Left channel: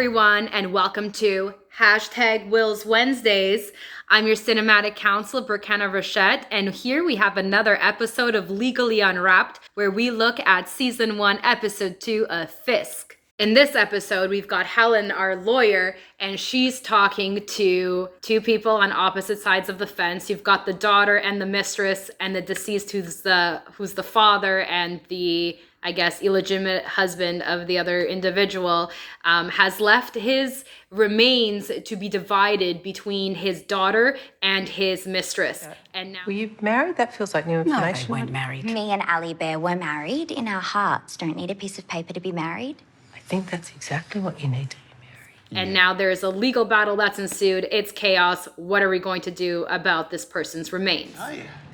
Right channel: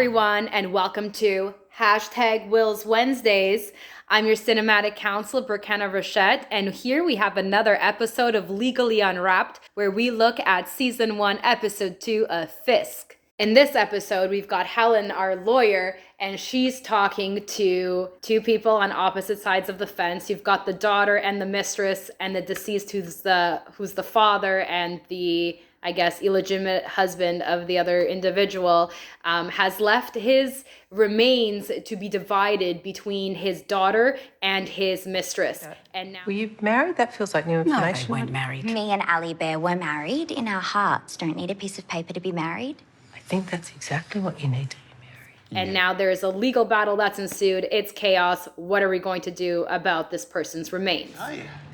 everyone, and welcome to #Wills Wednesdays. I'm your cinematic counsel, Brikena Rochette, and here we have another episode of Legally Unwrapped, where we look at Season 1, Episode 2 of Fisk. In this episode, we've got Helen, our lawyer, and she's talking to two people on opposite sides of the fence. You've got the daughter and the mistress, and the deceased who's the father and the, I guess, illegitimate husband of the other individual, has left his remains to be divided between his daughter and his mistress. And now, were you married? That feels like new information. No, they weren't married. Me and Ali Bear were married. In our hearts, don't need a piece of paper to be married. I think that's exactly what you need to be married. and now there's a legal battle that's ensued. It's chaos. What are we going to do about this person's remains?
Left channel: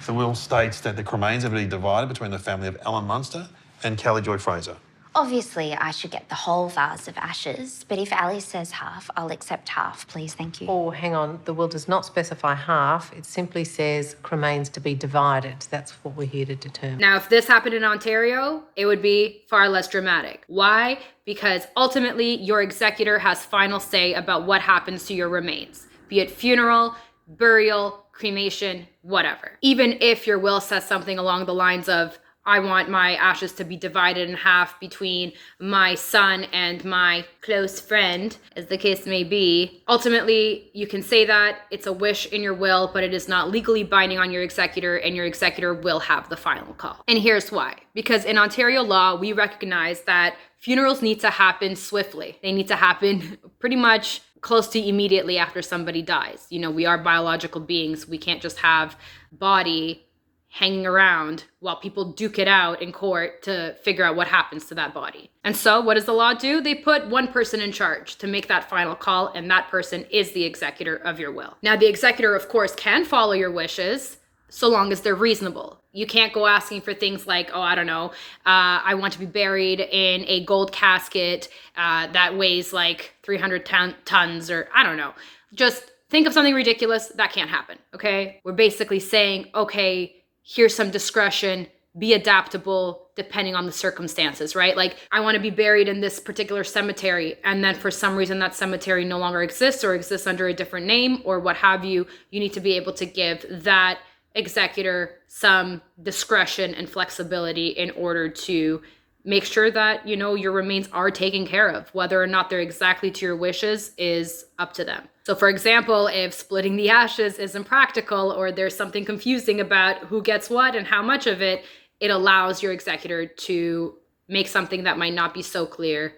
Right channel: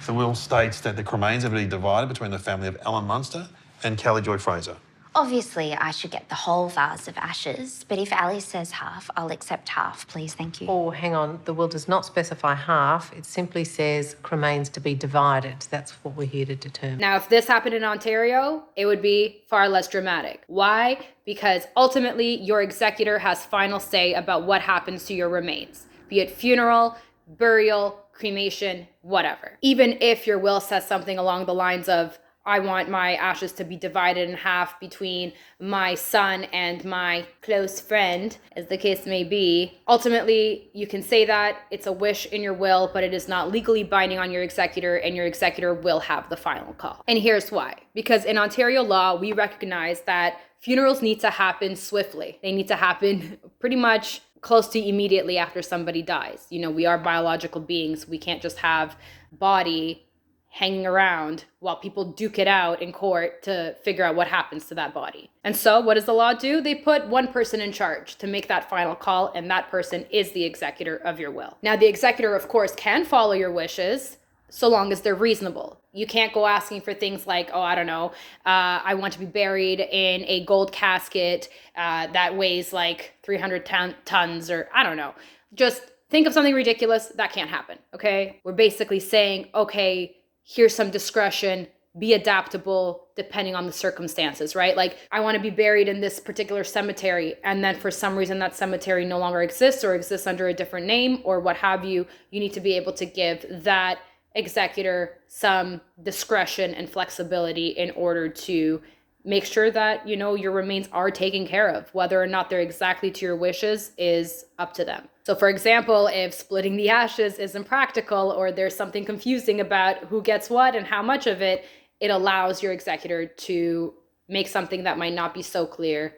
The will states that the cremains are to be divided between the family of Alan Munster and Kelly Joy Fraser. Obviously, I should get the whole vase of ashes, but if Ali says half, I'll accept half, please, thank you. Oh, hang on. The will does not specify half. It simply says cremains to be divided. That's what we're here to determine. Now, if this happened in Ontario, it would be far less dramatic. Why? Because ultimately, your executor has final say about what happens to your remains, be it funeral, burial, cremation, whatever. Even if your will says something along the lines of, I want my ashes to be divided in half between my son and my close friend, as the case may be. Ultimately, you can say that. It's a wish in your will, but it is not legally binding on your executor, and your executor will have the final call. And here's why. Because in Ontario law, we recognize that funerals need to happen swiftly. They need to happen pretty much close to immediately after somebody dies. You know, we are biological beings. We can't just have body hanging around while people duke it out in court to figure out what happens to that body. And so what does the law do? They put one person in charge to make that final call, and that person is the executor of your will. Now, the executor, of course, can follow your wishes so long as they're reasonable. You can't go asking for things like, oh, I don't know, I want to be buried in a gold casket that weighs like 300 tons, or I don't know. Just think of something ridiculous. That can't happen, okay? We're basically saying, okay, here's some discretion, be adaptable depending on the circumstances, right? Like, I want to be buried in this particular cemetery, and then for some reason that cemetery no longer exists or exists under a different name or what have you. You need to be able to give that executor some discretion and flexibility in order to make sure that, you know, your remains are taken care of. Whether or not they're exactly to your wishes is up to them. So for example, if splitting the ashes is impractical or there's something confusing about who gets what and how much of it, it allows your executor to make something that might not be so clear.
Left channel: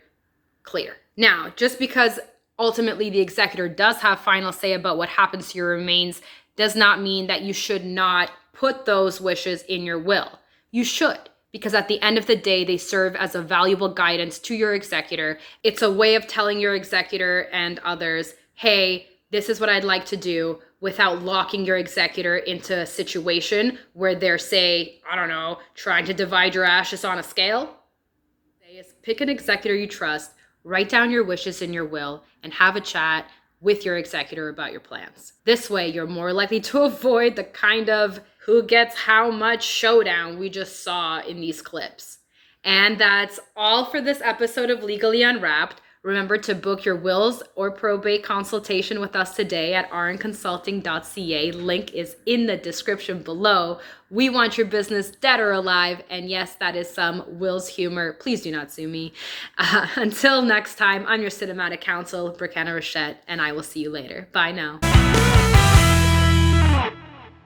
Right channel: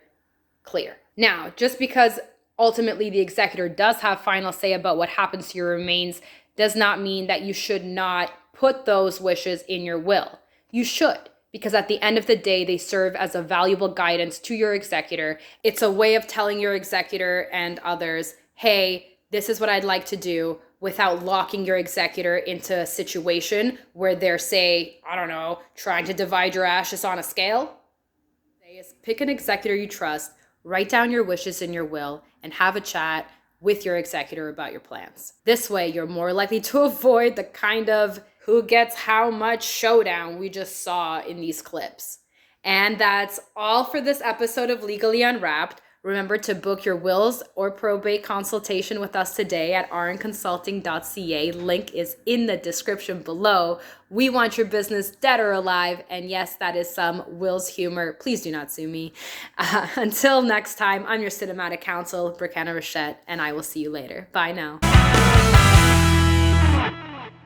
Now, just because ultimately the executor does have final say about what happens to your remains does not mean that you should not put those wishes in your will. You should. Because at the end of the day, they serve as a valuable guidance to your executor. It's a way of telling your executor and others, hey, this is what I'd like to do, without locking your executor into a situation where they're, say, I don't know, trying to divide your ashes on a scale. Pick an executor you trust, write down your wishes in your will, and have a chat with your executor about your plans. This way, you're more likely to avoid the kind of who gets how much showdown we just saw in these clips. And that's all for this episode of Legally Unwrapped. Remember to book your wills or probate consultation with us today at rnconsulting.ca. Link is in the description below. We want your business dead or alive. And yes, that is some wills humor. Please do not sue me. Until next time, I'm your cinematic counsel, Brikena Rochette, and I will see you later. Bye now.